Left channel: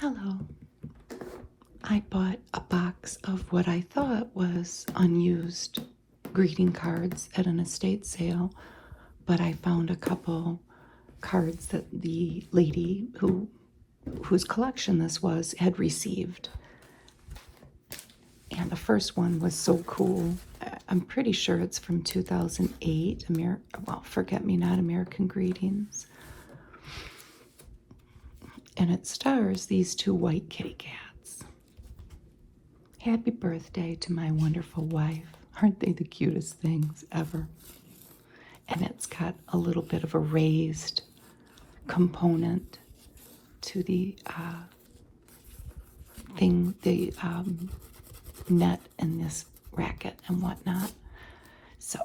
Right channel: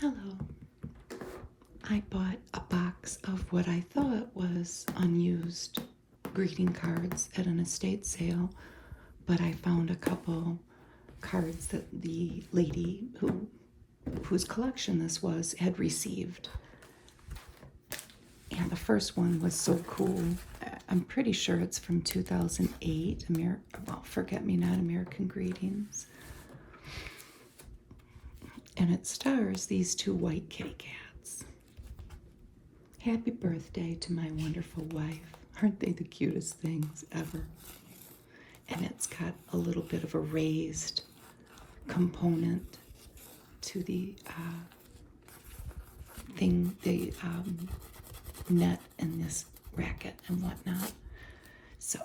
Hello. I bought a box of what I thought was unused greeting cards at an estate sale, but I found a couple cards that the lady whose collection this was had received. And the first one was so cool. I'm pretty sure it's from 2008, Forget Me Not American Greetings. And it stars these two white kitty cats. Happy birthday to my wonderful wife. Aren't they the cutest things ever? And it's got a little bit of a raised component to the net in this racket and whatnot. So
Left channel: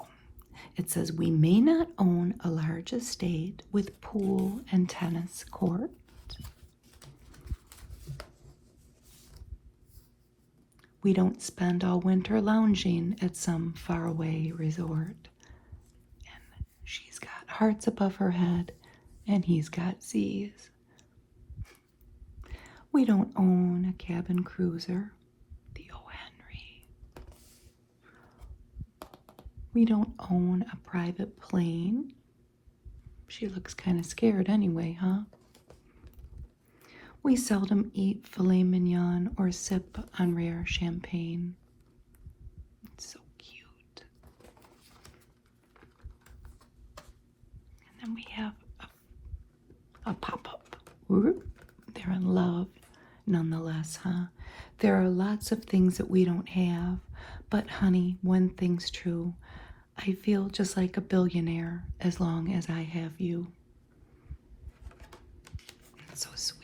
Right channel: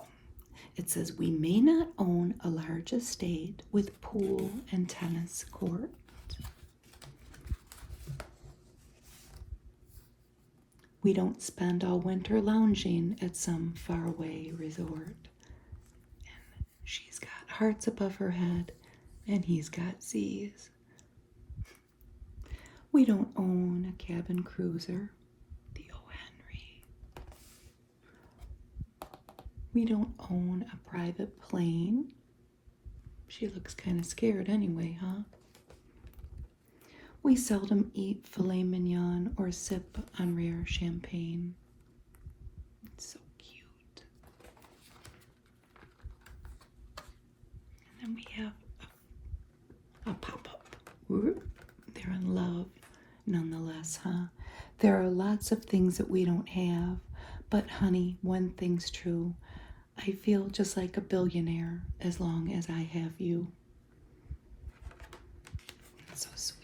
it says, we may not own a large estate with pool and tennis court. We don't spend all winter lounging at some faraway resort. And she's got hearts above her head, and he's got Z's. We don't own a cabin cruiser, the O. Henry. We don't own a private plane. She looks kind of scared anyway, huh? We seldom eat filet mignon or sip on rare champagne. It's so cute. And then we have a pop-up. They're in love, nonetheless, huh? There are lots of things that we don't have, but honey, one thing's true. I feel just like a billionaire as long as I have you. It's so sweet.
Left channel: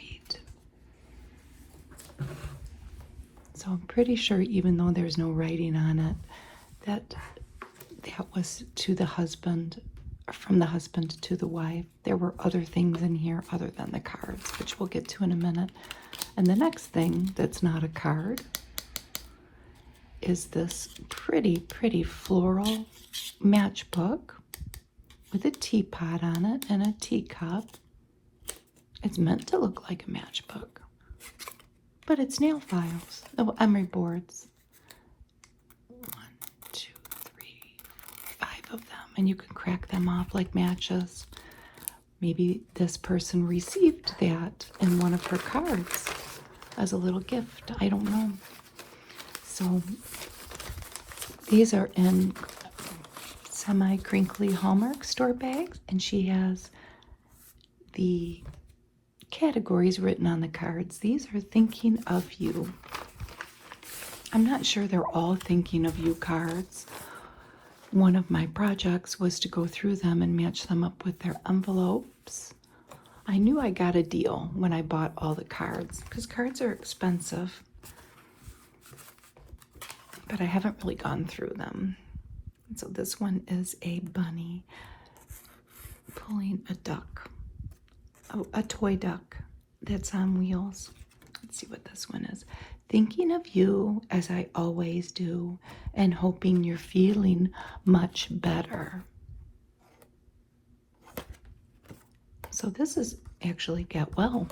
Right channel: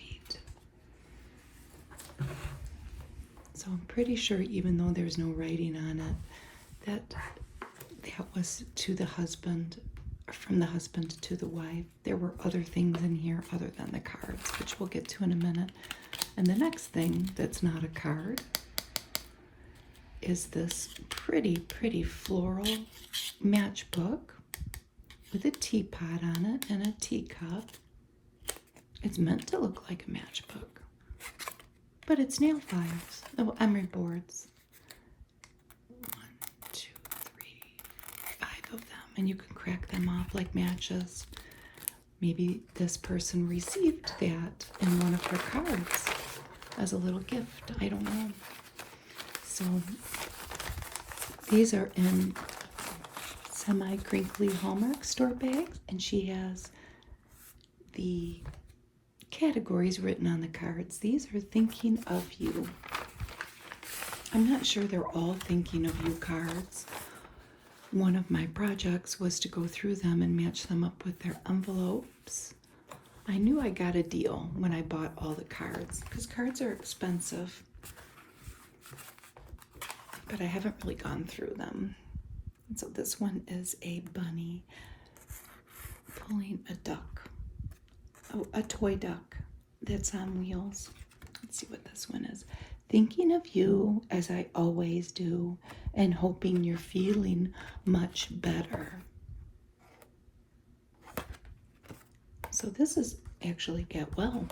So I'm pretty sure, even though there's no writing on it, that was to the husband, or from the husband to the wife. There were other things in here other than the cards, which we'll get to in a minute. And the next thing that's not a card is this pretty floral matchbook with a teapot on it and a teacup. It's meant to look like a matchbook, but it's nail files. Oh, emery boards. 1, 2, 3, 5 of them, and you can crack them off like matches. Maybe this person received that in one of her cards as a little gift. I don't know. So these are in semi-crinkly Hallmark store bags, and she has the categories written on the cards. These are thinking of you. I'm not sure they're all thinking of you cards. One of my projects was to go through them and match them up with their envelopes. I knew I got a deal when I bought all the cards, because cards are expensive, but I haven't really gone through them. So this one is a bunny pulling a duck. Oh, a toy duck that's on wheels. Let's see what this one is. Thinking of you as I always do, and hoping you're feeling much better. So this is actually Get Well.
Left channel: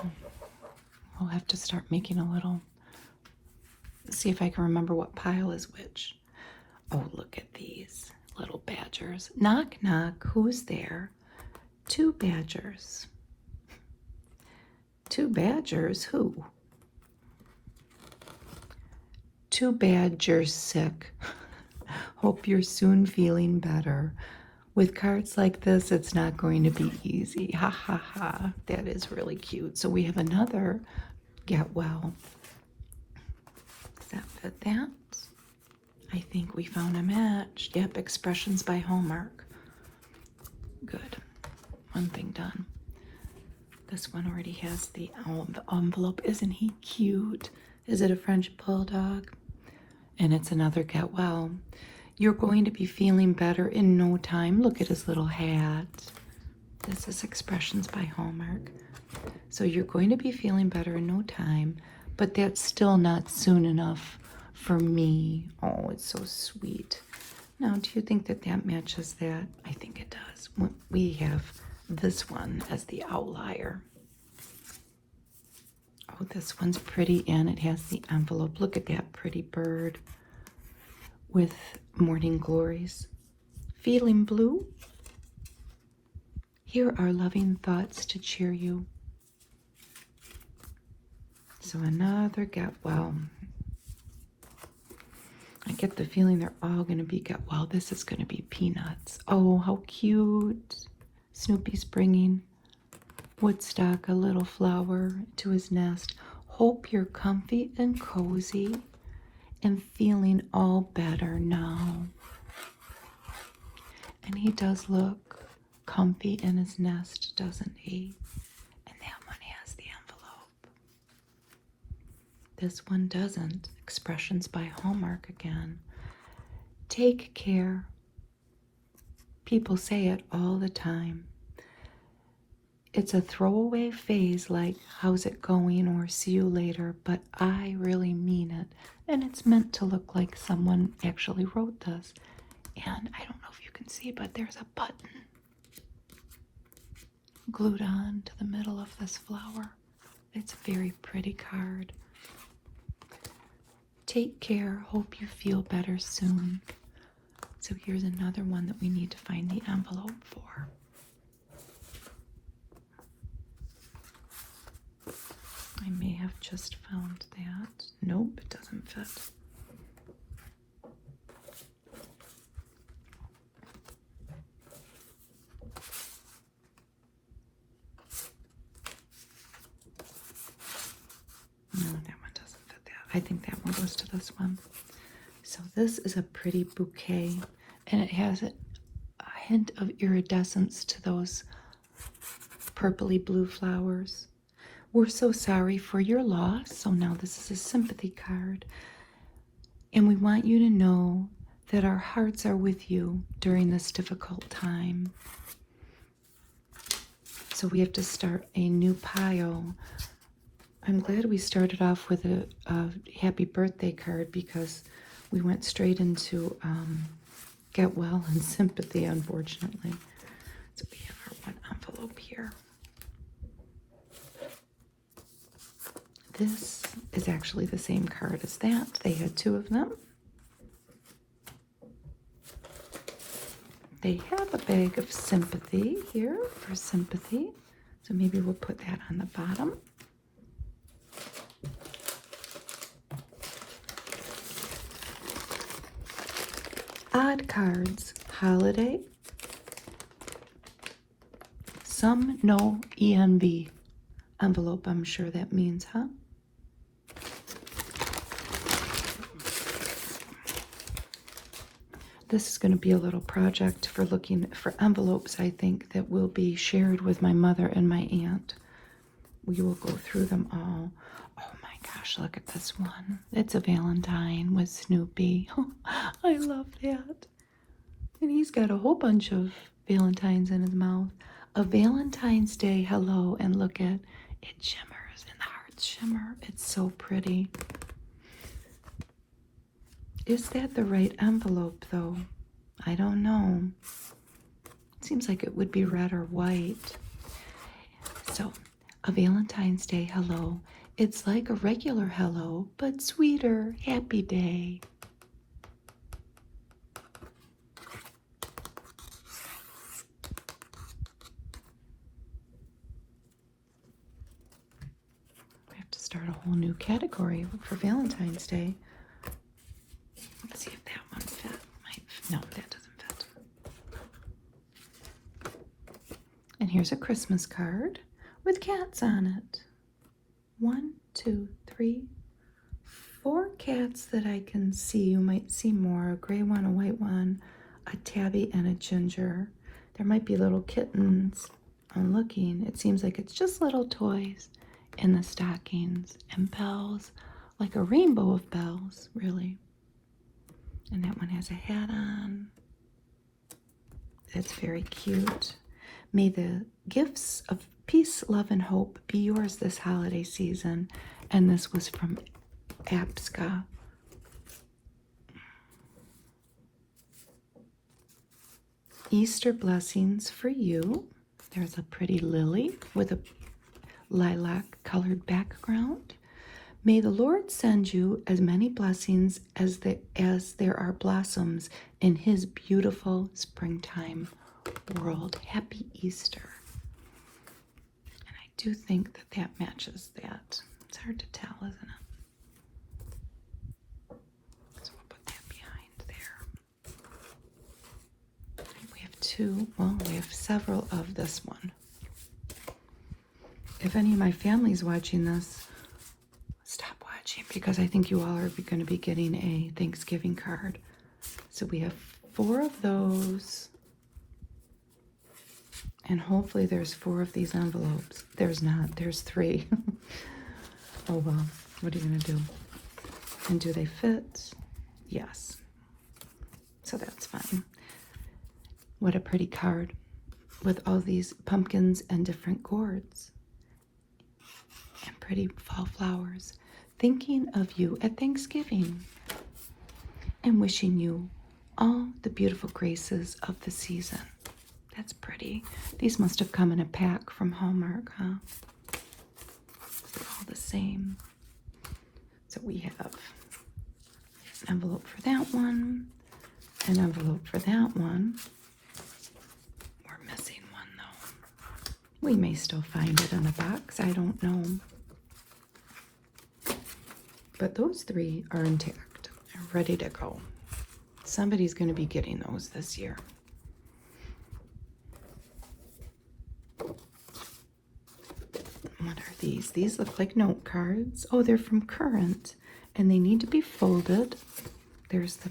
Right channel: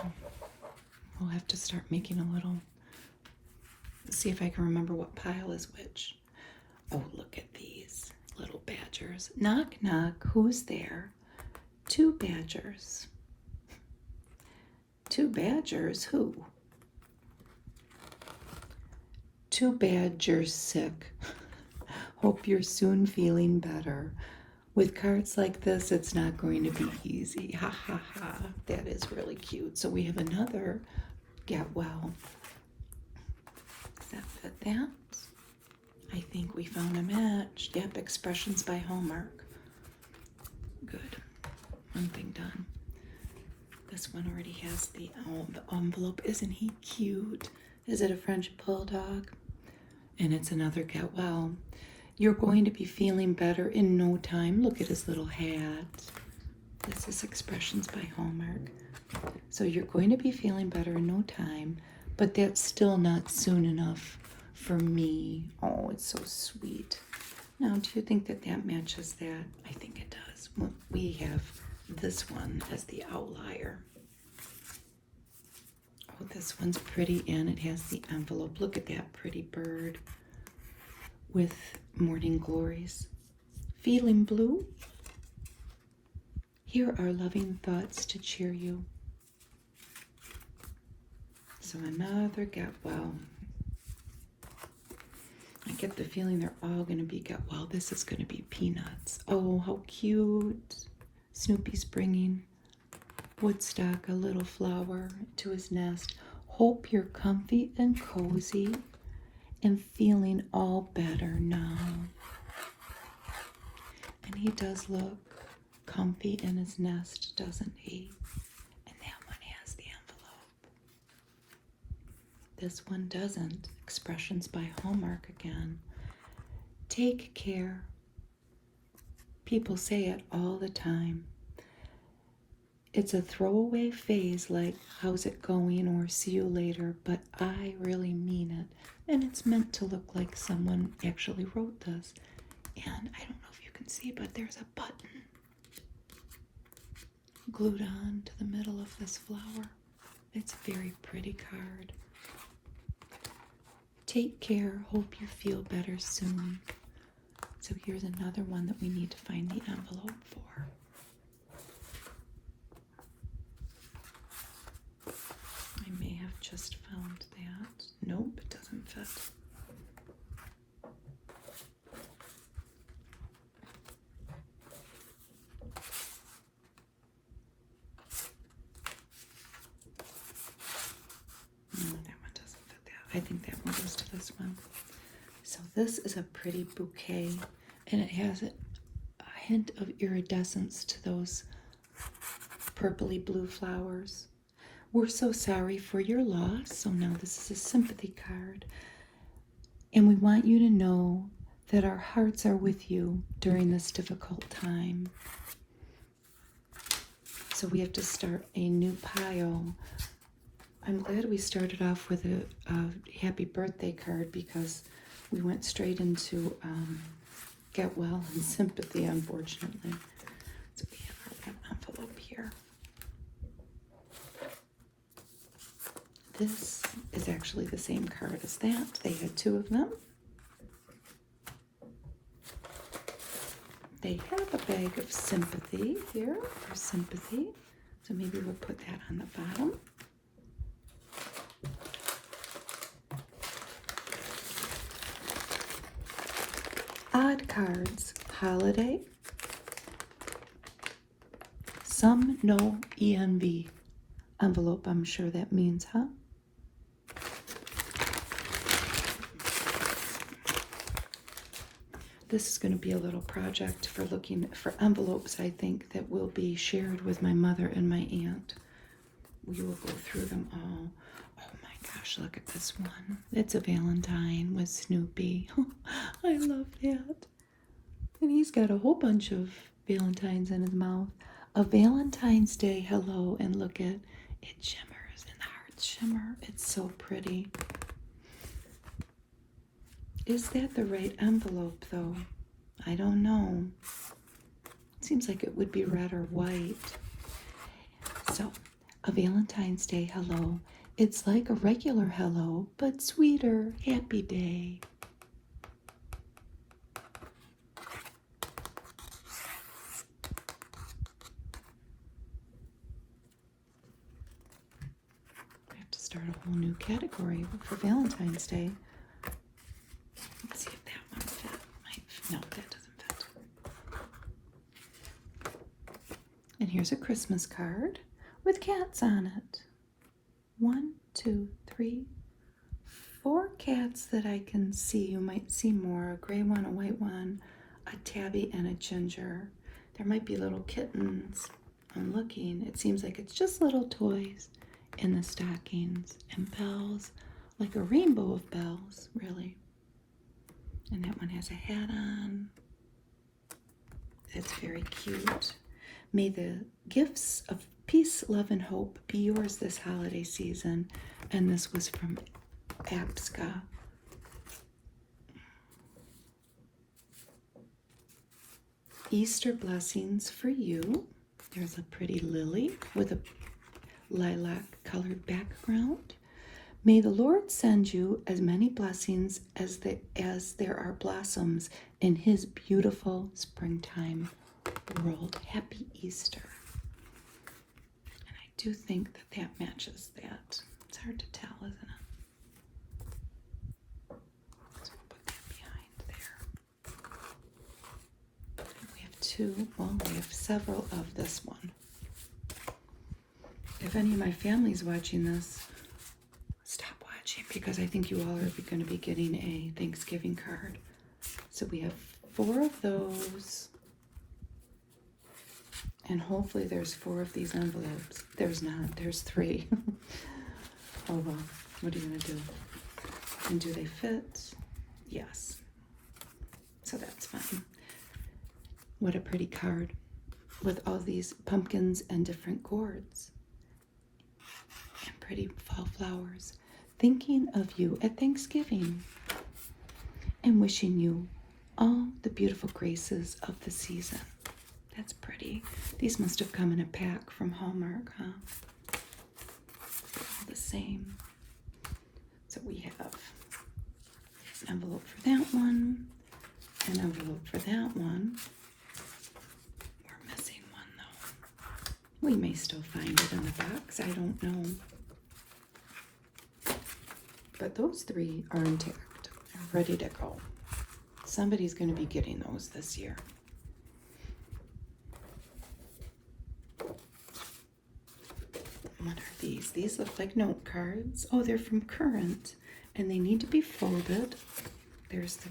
We'll have to start making a little, see if I can remember what pile is which. Oh, look at these little badgers. Knock, knock, who's there? 2 badgers. 2 badgers? Who? 2 badgers sick. Hope you're soon feeling better. With cards like this, it's not going to be easy. Ha ha ha. That is really cute. So we have another Get Well. Does that fit that? I think we found a match. Yep, Expressions by Hallmark. Good. One thing done. This one already has the envelope. Isn't he cute? Is it a French bulldog? And it's another Get Well. You're going to be feeling better in no time. Look at his little hat. This is Expressions by Hallmark. So you're going to be feeling better in no time, but that's still not soon enough for me. Oh, it's so sweet. Now, do you think that that matches that? I think it does. We have this one as the outlier. Oh, this one's pretty, and it has the envelope. Look at that pretty bird with morning glories. Feeling blue? Here are loving thoughts to cheer you. So another get well. I get the feeling they're all going to be get well. This is going to be peanuts. Oh, how cute. Snoopy's bringing Woodstock a little flower to his nest. Hope you're comfy and cozy and feeling all better now. And he does look comfy in his nest, doesn't he? And that one has the envelope. This one doesn't. Expressions by Hallmark again. Take care. People say it all the time. It's a throwaway phase like, how's it going, or see you later, but I really mean it. And it's meant to look like someone actually wrote this. And I don't know if you can see, but there's a button glued on to the middle of this flower. It's a very pretty card. Take care. Hope you feel better soon. So here's another one that we need to find the envelope for. I may have just found that. Nope, it doesn't fit. No, that one doesn't fit that. I think that one goes to this one. So this is a pretty bouquet, and it has a hint of iridescence to those purpley blue flowers. We're so sorry for your loss. So now this is a sympathy card. And we want you to know that our hearts are with you during this difficult time. So we have to start a new pile. I'm glad we started off with a happy birthday card, because we went straight into get well and sympathy, unfortunately. So we have an envelope here. This is actually the same card as that. They had two of them. They have a bag of sympathy here for sympathy. So maybe we'll put that on the bottom. Odd cards, holiday. Some no ENV. Envelope, I'm sure that means, huh? This is going to be a little project for looking for envelopes, I think, that will be shared with my mother and my aunt. We will go through them all. Oh my gosh, look at this one. It's a Valentine with Snoopy. I love that. And he's got a whole bunch of Valentines in his mouth. A Valentine's Day hello, and look at it, shimmers and the hearts shimmer. It's so pretty. Is that the right envelope, though? I don't know. It seems like it would be red or white. So, a Valentine's Day hello. It's like a regular hello, but sweeter. Happy day. We have to start a whole new category for Valentine's Day. Let's see if that one fits. No, that doesn't fit. And here's a Christmas card with cats on it. 1, 2, 3, 4 cats that I can see. You might see more. A gray one, a white one, a tabby, and a ginger. There might be little kittens. I'm looking. It seems like it's just little toys in the stockings, and bells, like a rainbow of bells, really. And that one has a hat on. That's very cute. May the gifts of peace, love, and hope be yours this holiday season. And this was from Apska. Easter blessings for you. There's a pretty lily with a lilac colored background. May the Lord send you as many blessings as there are blossoms in his beautiful springtime world. Happy Easter. And I do think that that matches that. It's hard to tell, isn't it? So we'll put that behind there. We have two, well, we have several of this one. If any of my family's watching this, stop watching, because I think you all are going to be getting a Thanksgiving card. So we have 4 of those. And hopefully there's 4 of these envelopes. There's not. There's 3. Oh well. What are you going to do? And do they fit? Yes. So that's fine. What a pretty card with all these pumpkins and different gourds. And pretty fall flowers. Thinking of you at Thanksgiving. And wishing you all the beautiful graces of the season. That's pretty. These must have come in a pack from Hallmark, huh? They're all the same. So we have an envelope for that one, an envelope for that one. We're missing one though. We may still find it in a box, I don't know. But those 3 are intact, ready to go. Somebody's going to be getting those this year. What are these? These look like note cards. Oh, they're from Current, and they need to be folded. There's the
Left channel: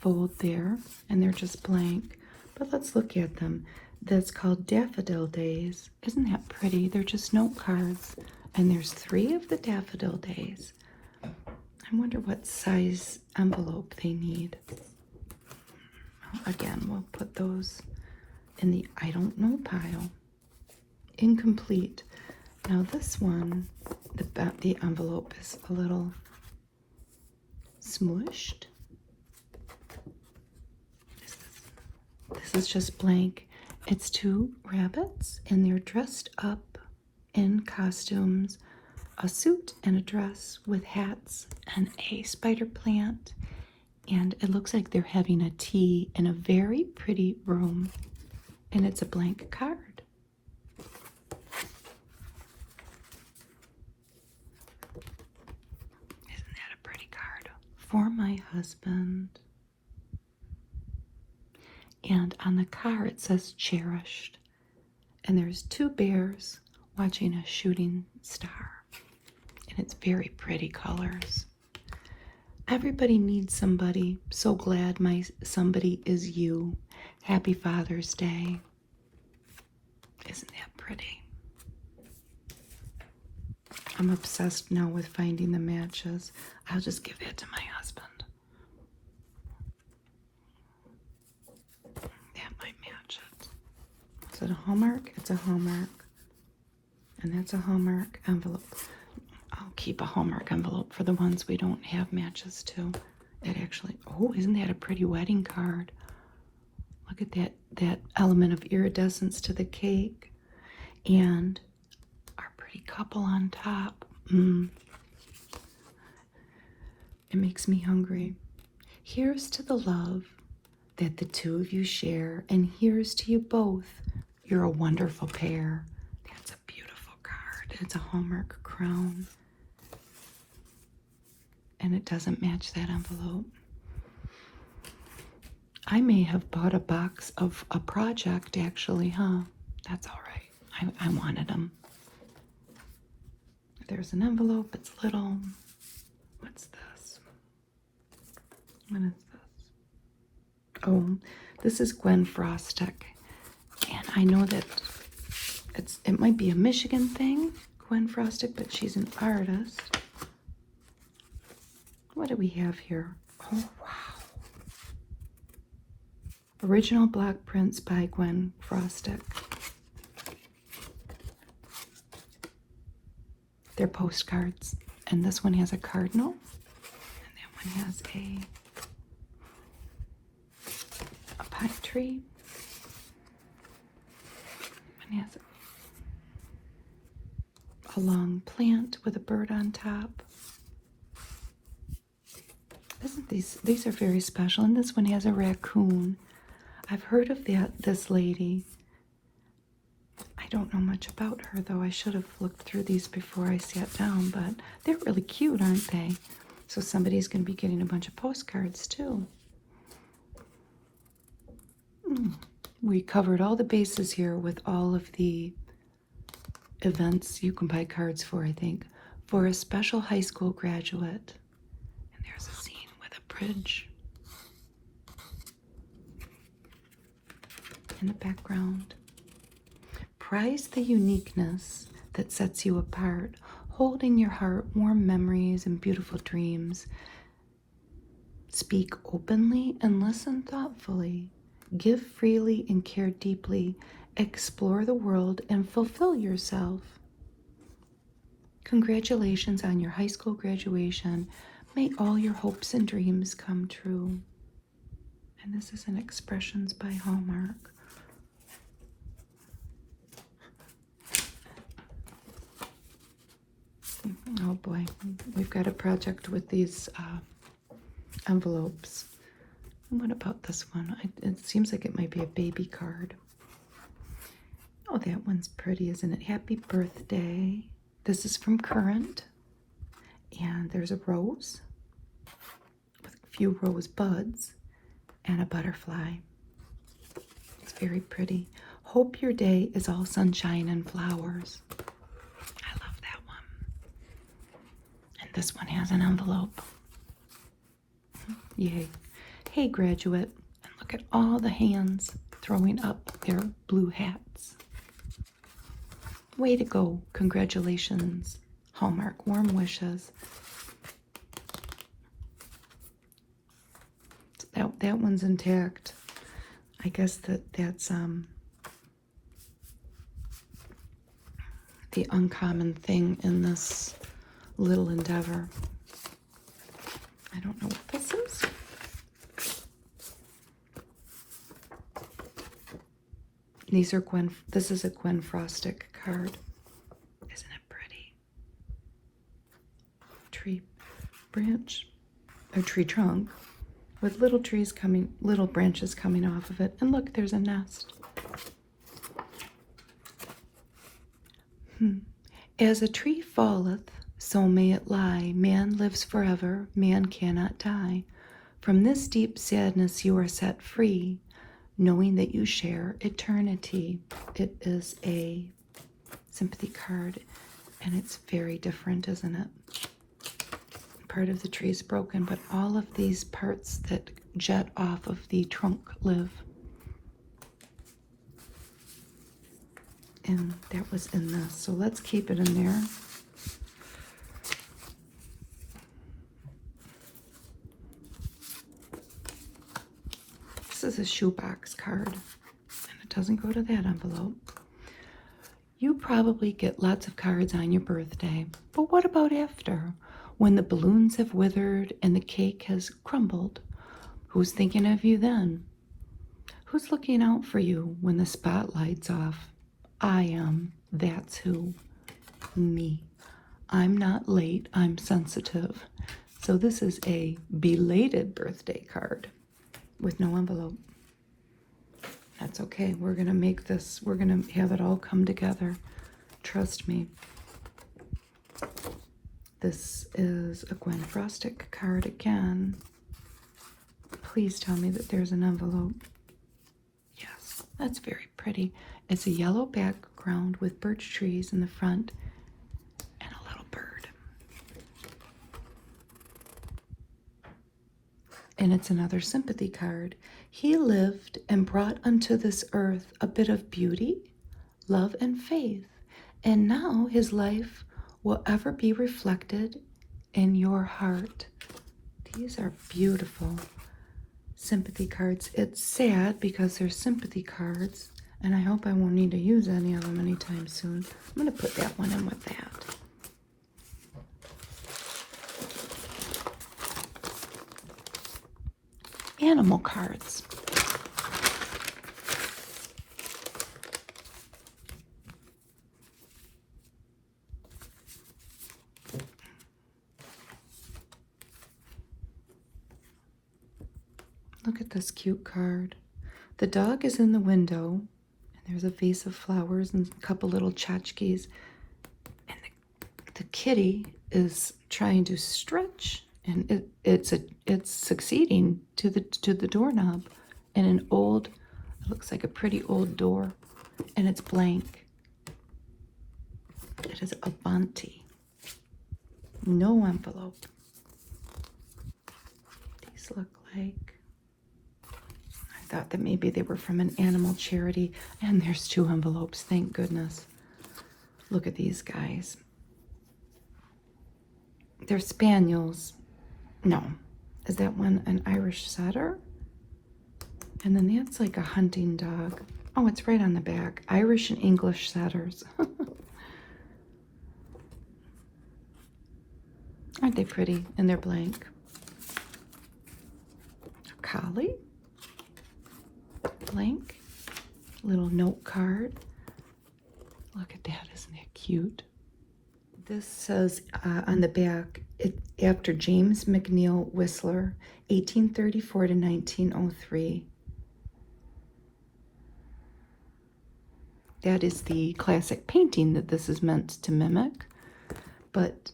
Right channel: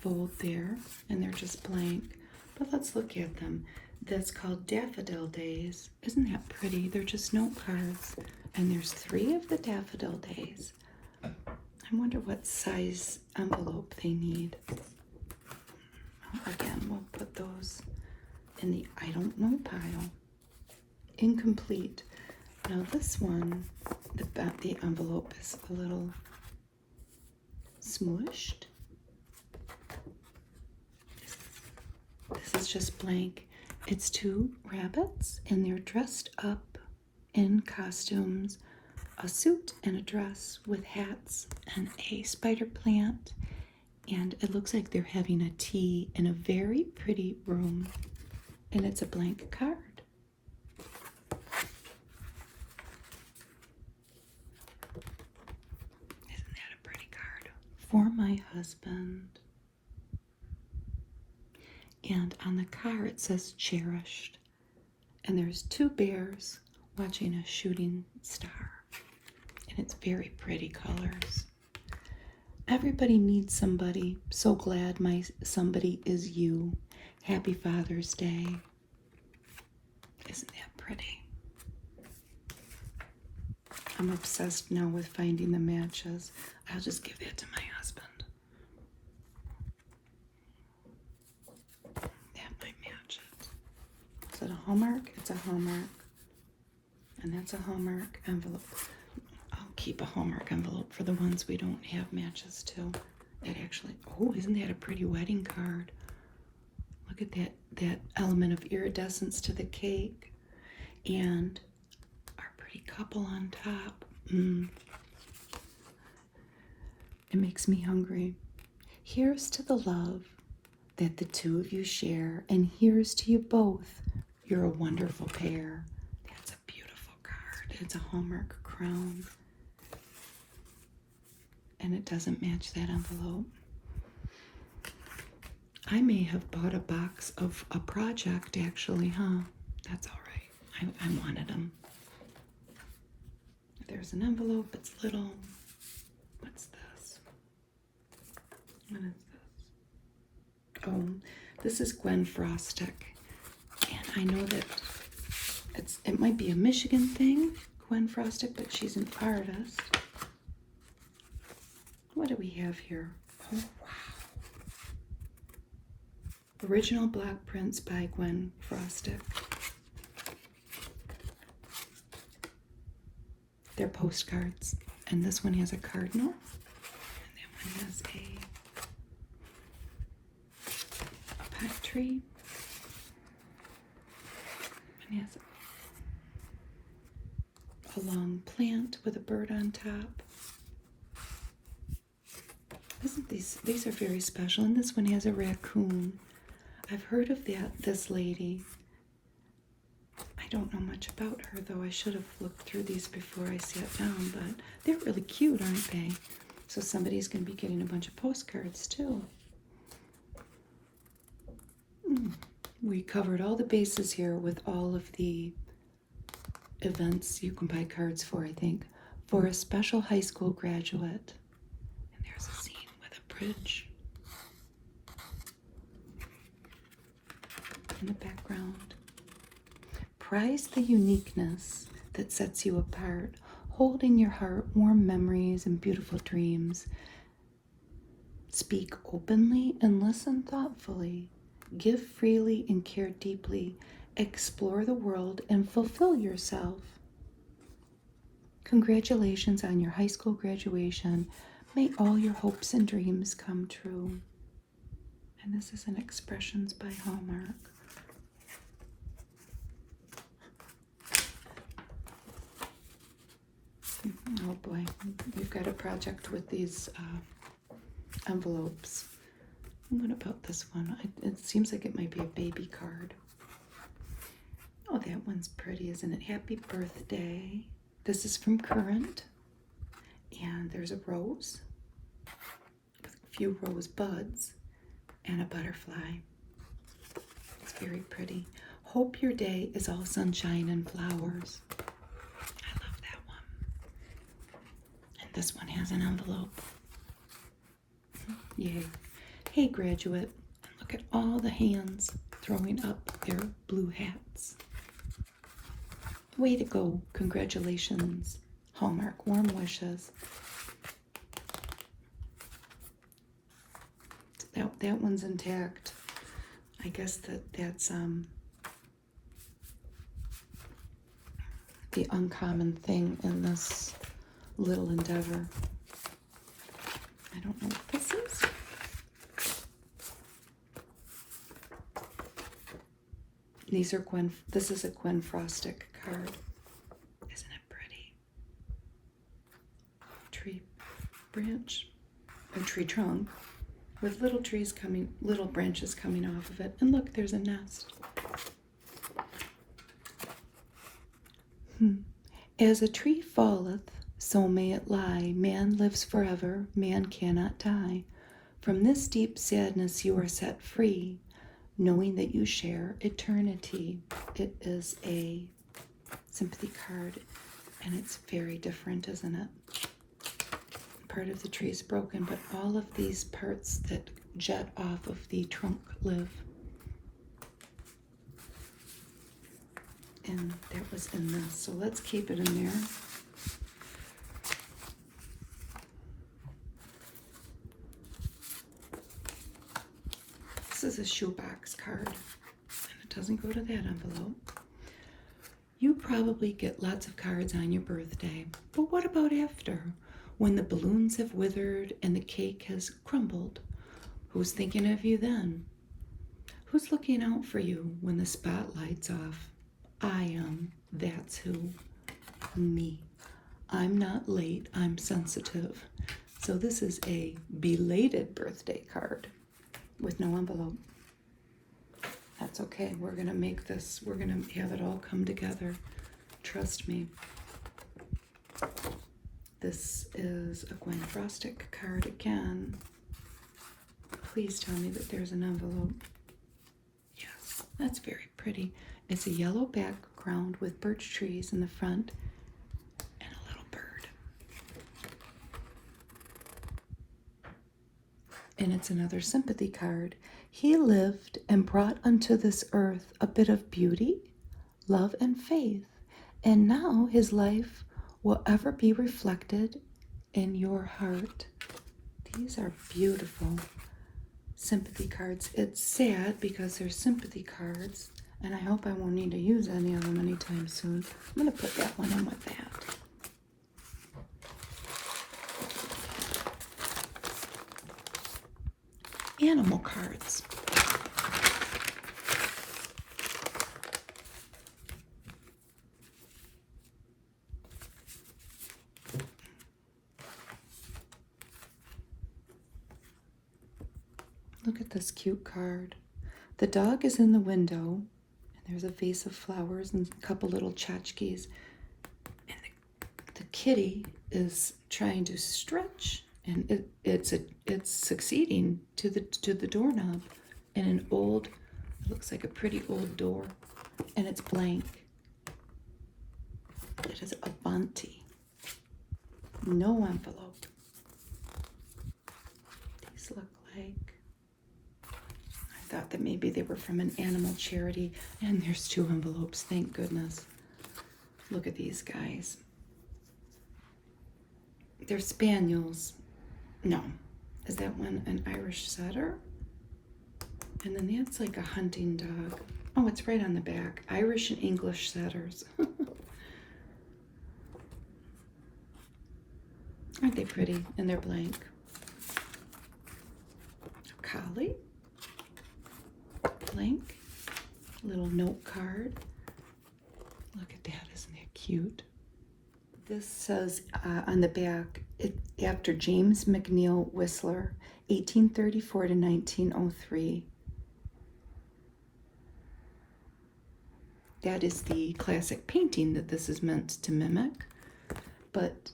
fold there, and they're just blank. But let's look at them. That's called Daffodil Days. Isn't that pretty? They're just note cards, and there's 3 of the Daffodil Days. I wonder what size envelope they need. Again, we'll put those in the I don't know pile. Incomplete. Now this one, the envelope is a little smushed. This is just blank. It's 2 rabbits, and they're dressed up in costumes, a suit and a dress with hats and a spider plant. And it looks like they're having a tea in a very pretty room. And it's a blank card. Isn't that a pretty card? For my husband. And on the card it says cherished. And there's 2 bears watching a shooting star. And it's very pretty colors. Everybody needs somebody. So glad my somebody is you. Happy Father's Day. Isn't that pretty? I'm obsessed now with finding the matches. I'll just give that to my husband. That might match it. Is it a Hallmark? It's a Hallmark. And that's a Hallmark envelope. I'll keep a Hallmark envelope for the ones we don't have matches to. It actually, oh, isn't that a pretty wedding card? Look at that element of iridescence to the cake. And our pretty couple on top. It makes me hungry. Here's to the love that the 2 of you share, and here's to you both. You're a wonderful pair. That's a beautiful card. It's a Hallmark crown. And it doesn't match that envelope. I may have bought a box of a project, actually, huh? That's all right. I wanted them. There's an envelope. It's little. What's this? What is this? Oh, this is Gwen Frostic. And I know that it might be a Michigan thing, Gwen Frostic, but she's an artist. What do we have here? Oh, wow. Original block prints by Gwen Frostic. They're postcards. And this one has a cardinal. And that one has a pot tree. And has a long plant with a bird on top. Isn't these are very special, and this one has a raccoon. I've heard of this lady. I don't know much about her, though. I should have looked through these before I sat down, but they're really cute, aren't they? So somebody's going to be getting a bunch of postcards, too. We covered all the bases here with all of the events you can buy cards for, I think. For a special high school graduate. And there's a scene with a bridge in the background. Prize the uniqueness that sets you apart. Hold in your heart warm memories and beautiful dreams. Speak openly and listen thoughtfully. Give freely and care deeply. Explore the world and fulfill yourself. Congratulations on your high school graduation. May all your hopes and dreams come true. And this is an Expressions by Hallmark. Oh boy, we've got a project with these envelopes. And what about this one? It seems like it might be a baby card. Oh, that one's pretty, isn't it? Happy birthday. This is from Current. And there's a rose with a few rose buds and a butterfly. It's very pretty. Hope your day is all sunshine and flowers. I love that one. And this one has an envelope. Yay. Hey, graduate. Look at all the hands throwing up their blue hats. Way to go. Congratulations. Hallmark. Warm wishes. That one's intact. I guess that's the uncommon thing in this little endeavor. I don't know what this is. This is a Gwen Frostic card. Isn't it pretty? Tree branch, a tree trunk with little branches coming off of it. And look, there's a nest. As a tree falleth, so may it lie. Man lives forever, man cannot die. From this deep sadness you are set free, knowing that you share eternity. It is a sympathy card, and it's very different, isn't it? Part of the tree is broken, but all of these parts that jet off of the trunk live. And that was in this, so let's keep it in there. This is a shoebox card, and it doesn't go to that envelope. You probably get lots of cards on your birthday, but what about after? When the balloons have withered and the cake has crumbled, who's thinking of you then? Who's looking out for you when the spotlight's off? I am. That's who. Me. I'm not late. I'm sensitive. So this is a belated birthday card with no envelope. That's okay. We're going to make this. We're going to have it all come together. Trust me. This is a Gwen Frostic card again. Please tell me that there's an envelope. Yes, that's very pretty. It's a yellow background with birch trees in the front and a little bird. And it's another sympathy card. He lived and brought unto this earth a bit of beauty, love, and faith. And now his life will ever be reflected in your heart. These are beautiful sympathy cards. It's sad because they're sympathy cards, and I hope I won't need to use any of them anytime soon. I'm going to put that one on with that. Animal cards. Look at this cute card. The dog is in the window, and there's a vase of flowers and a couple little tchotchkes. And the kitty is trying to stretch, and it's succeeding to the doorknob. And an old, it looks like a pretty old door, and it's blank. It is Avanti. No envelope. These look like, I thought that maybe they were from an animal charity. And there's 2 envelopes, thank goodness. Look at these guys. They're spaniels. No. Is that one an Irish setter? And then that's like a hunting dog. Oh, it's right on the back. Irish and English setters. Aren't they pretty? And they're blank. A collie. Blank. Little note card. Look at that, isn't that cute? This says on the back, after James McNeill Whistler, 1834 to 1903. That is the classic painting that this is meant to mimic, but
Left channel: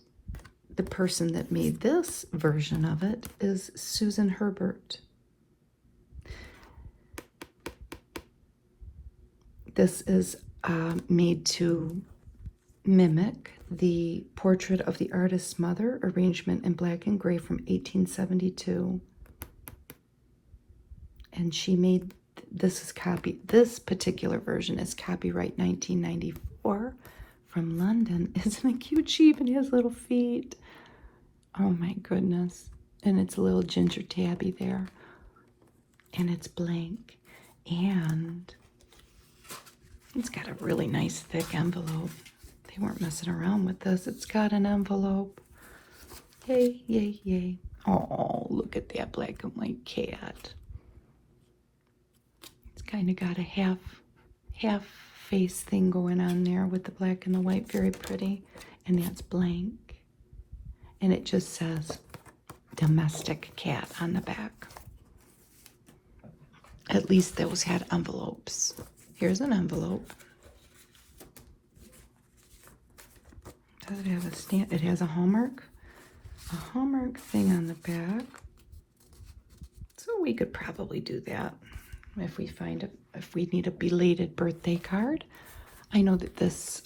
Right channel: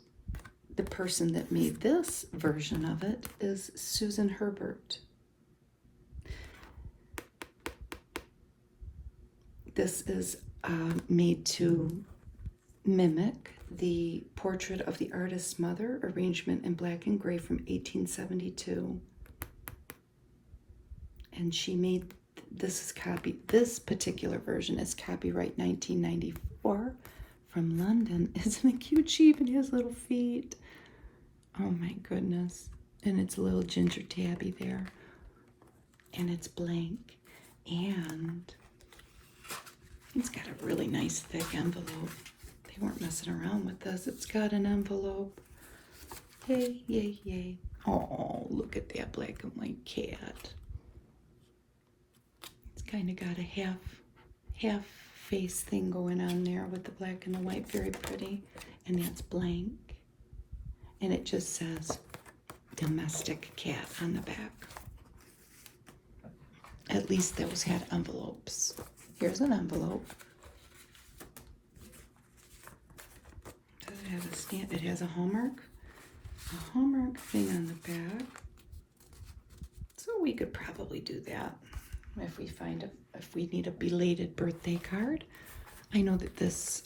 the person that made this version of it is Susan Herbert. This is made to mimic the portrait of the artist's mother, arrangement in black and gray from 1872. And she made, this particular version is copyright 1994 from London. Isn't it cute? She even has little feet. Oh my goodness. And it's a little ginger tabby there. And it's blank. And it's got a really nice thick envelope. They weren't messing around with this. It's got an envelope. Yay, yay, yay. Oh, look at that black and white cat. It's kind of got a half face thing going on there with the black and the white. Very pretty. And that's blank. And it just says domestic cat on the back. At least those had envelopes. Here's an envelope. Does it have a stamp? It has a hallmark thing on the back. So we could probably do that if we find it, if we need a belated birthday card. I know that this,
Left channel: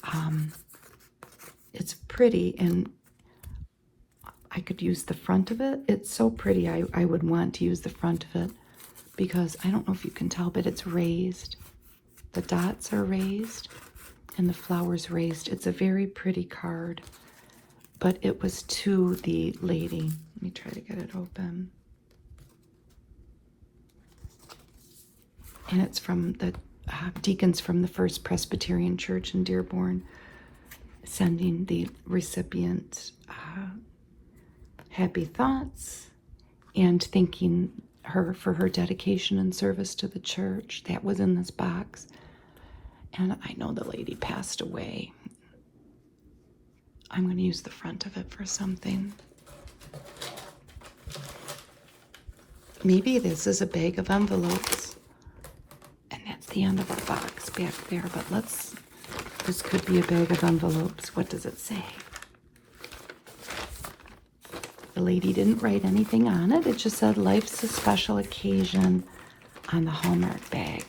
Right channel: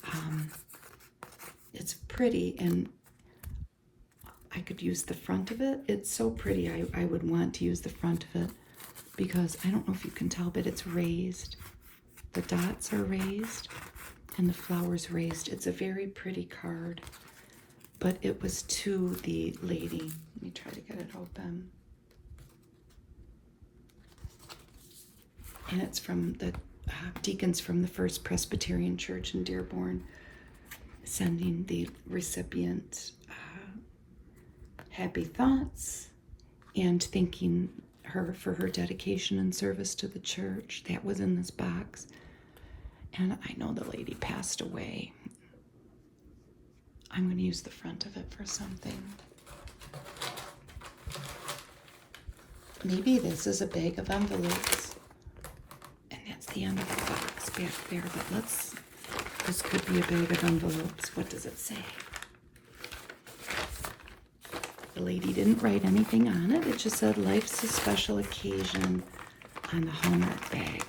it's pretty, and I could use the front of it. It's so pretty, I would want to use the front of it, because I don't know if you can tell, but it's raised. The dots are raised and the flowers raised. It's a very pretty card, but it was to the lady. Let me try to get it open. And it's from the deacons from the First Presbyterian Church in Dearborn, sending the recipient happy thoughts and thanking her for her dedication and service to the church. That was in this box. And I know the lady passed away. I'm going to use the front of it for something. Maybe this is a bag of envelopes. And that's the end of the box back there. But this could be a bag of envelopes. What does it say? The lady didn't write anything on it. It just said, "Life's a special occasion," on the Hallmark bag.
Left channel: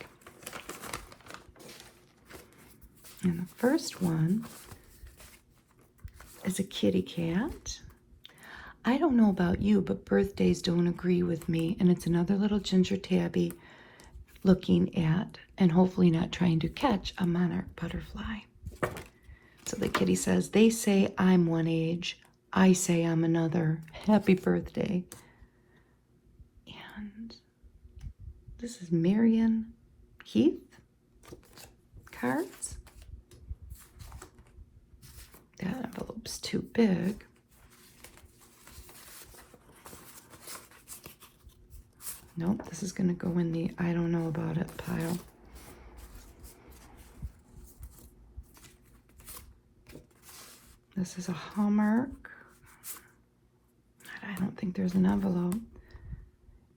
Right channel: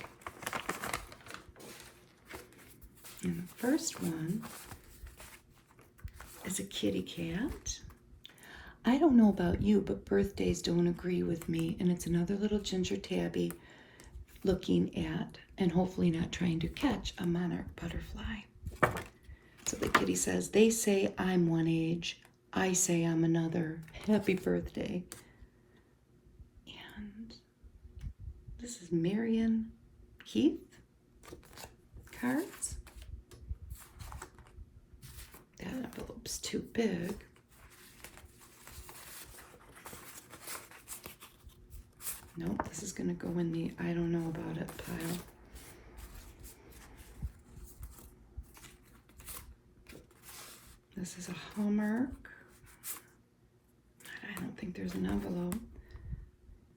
And the first one is a kitty cat. I don't know about you, but birthdays don't agree with me. And it's another little ginger tabby looking at, and hopefully not trying to catch, a monarch butterfly. So the kitty says, "They say I'm one age. I say I'm another. Happy birthday." And this is Marion Heath cards. That envelope's too big. Nope, this is going to go in the I don't know about it pile. This is a Hallmark. I don't think there's an envelope.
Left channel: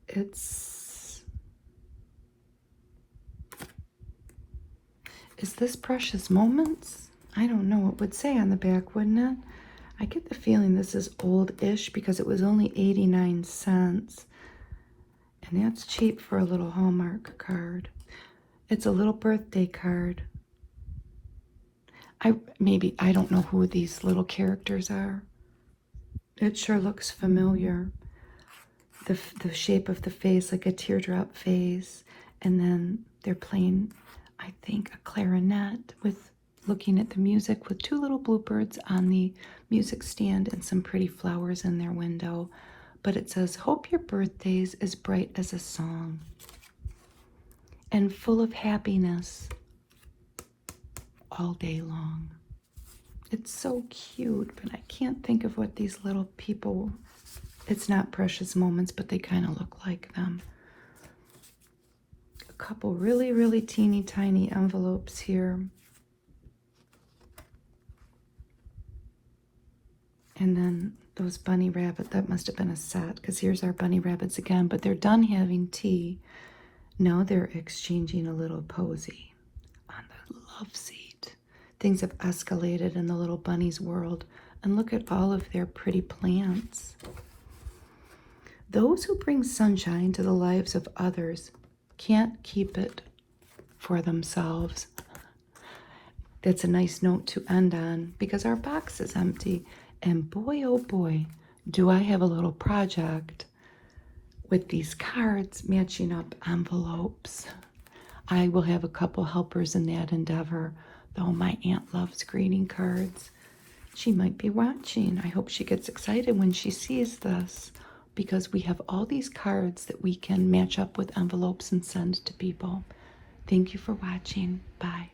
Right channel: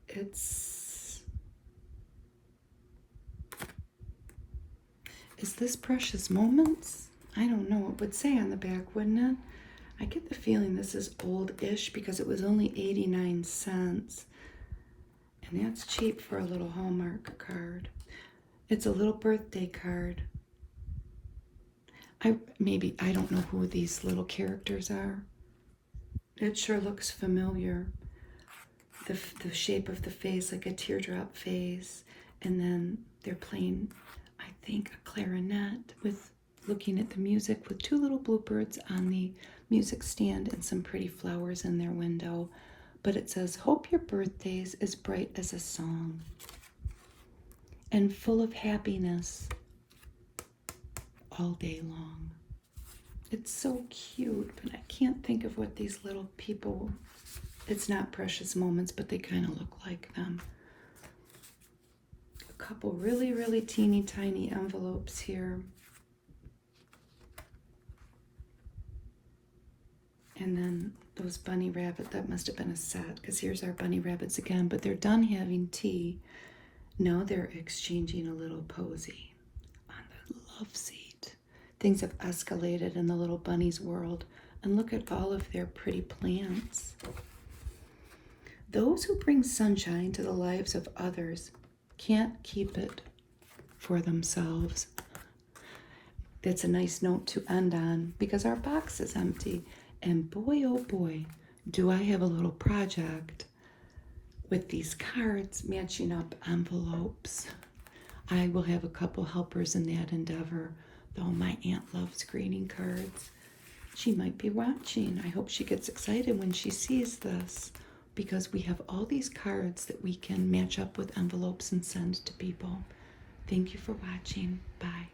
It's Is this Precious Moments? I don't know. It would say on the back, wouldn't it? I get the feeling this is old-ish because it was only 89 cents. And that's cheap for a little Hallmark card. It's a little birthday card. I don't know who these little characters are. It sure looks familiar. The shape of the face, like a teardrop face. And then they're playing, I think, a clarinet with looking at the music with two little bluebirds on the music stand and some pretty flowers in their window. But it says, hope your birthday's as bright as a song and full of happiness all day long. It's so cute, but I can't think of what these little people, it's not Precious Moments, but they kind of look like them. A couple really, really teeny tiny envelopes here. And then those bunny rabbit, that must have been a set, because here's our bunny rabbits again, but they're done having tea. Now they're exchanging a little posy on the love seat. Things have escalated in the little bunny's world, and look at all of their pretty plants. Those who bring sunshine to the lives of others can't keep it for themselves. That's a nice note to end on, because our box is empty. And boy, oh boy, do I have a little project with these cards matching up envelopes. I will have a couple helpers in that endeavor, though my aunt loves greeting cards. She might be watching. I hope she gets excited when she sees this, because we have all these cards that we can match up with envelopes and send to people. Thank you for watching. Bye.